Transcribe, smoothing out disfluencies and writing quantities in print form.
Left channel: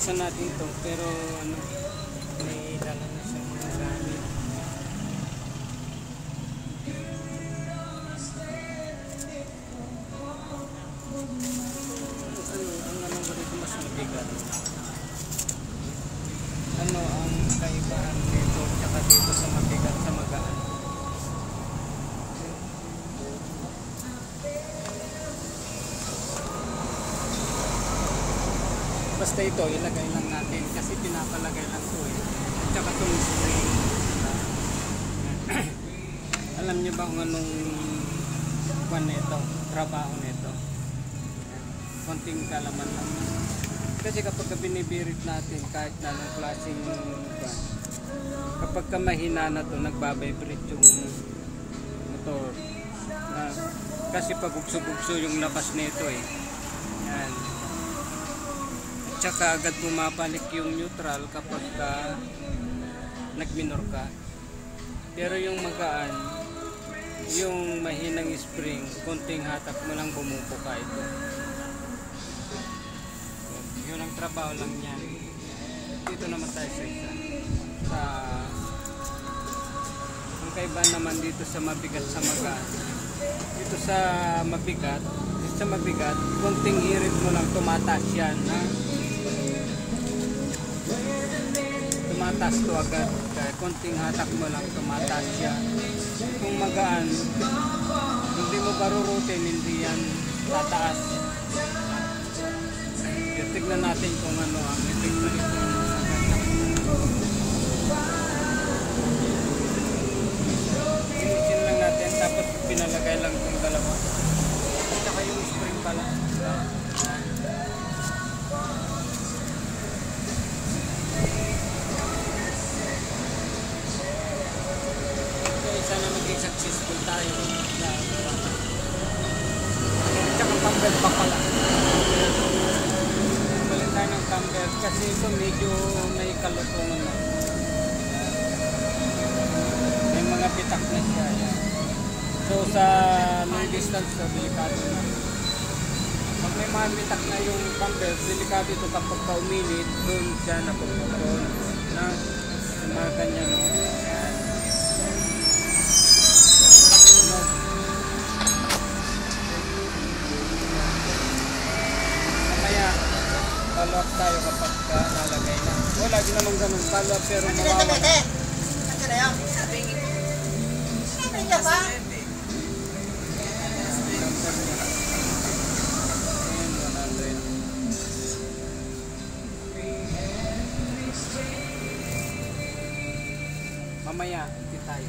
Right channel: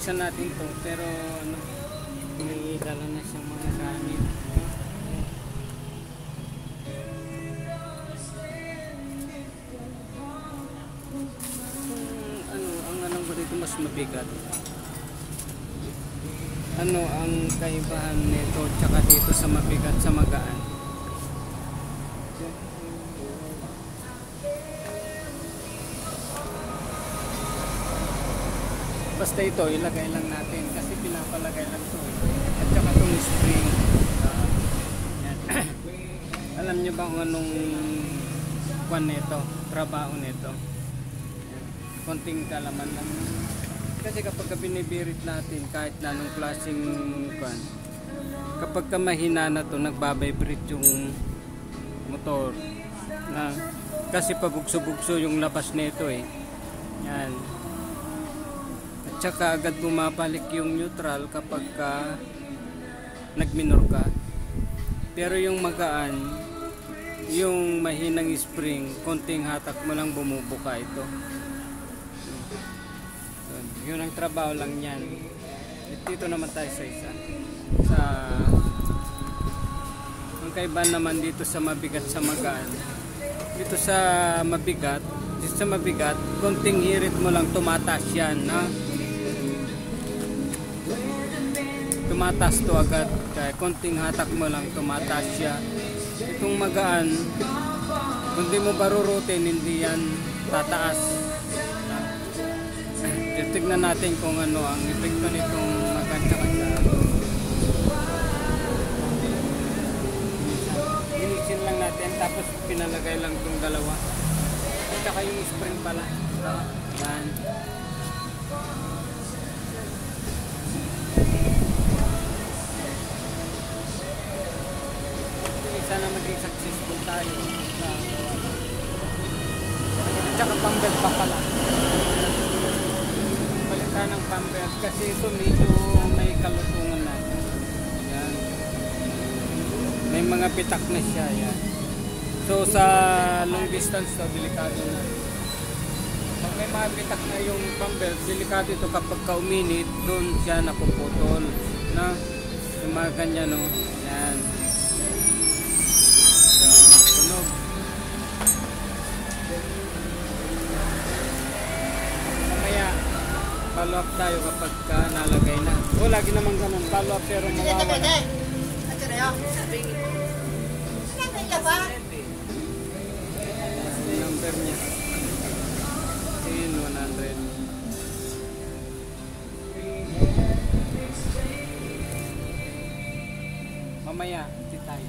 bubuksan natin to, pero ano, may dala na sa mga gamit. Ang ganito mas mabigat. Ano ang kaibahan nito tsaka dito sa mabigat sa magaan? Basta ito, ilagay lang natin kasi pinapalagay lang ito at saka itong spring. Yan. Alam nyo ba kung anong kwan nito, trabaho nito? Konting kalaman lang. Kasi kapag binibirit natin kahit na anong klaseng kwan, kapag ka mahina na ito, nagbabibrate yung motor. Kasi pag ugso-ugso yung labas nito eh. Yan. Tsaka agad bumabalik yung neutral kapag ka nagminor ka. Pero yung magaan, yung mahinang spring, konting hatak mo lang bumubuka ito. Yun ang trabaho lang yan. At dito naman tayo sa isa. Yung kaiba naman dito sa mabigat sa magaan. Dito sa mabigat, konting hirit mo lang tumataas yan. Ha? Tumataas to agad, kaya konting hatak mo lang tumataas siya. Itong magaan, kung di mo barurutin, hindi yan tataas. Tignan natin kung ano ang epekto nitong magaan. Inisin lang natin, tapos pinalagay lang itong dalawa. At saka yung spring pala. Sana maging successful tayo sa pambel pa pala. Balikan ng pambel kasi ito medyo may kalutungan na. May mga pitak na siya. Yan. So sa long distance na delikado na. Pag may mga pitak na yung pambel, delikado ito kapag ka-uminit, doon siya napuputol. Yung mga ganyan no. Follow up tayo kapag nalagay na. O, lagi naman ganun. Follow up pero mawawala. Mamaya, iti tayo.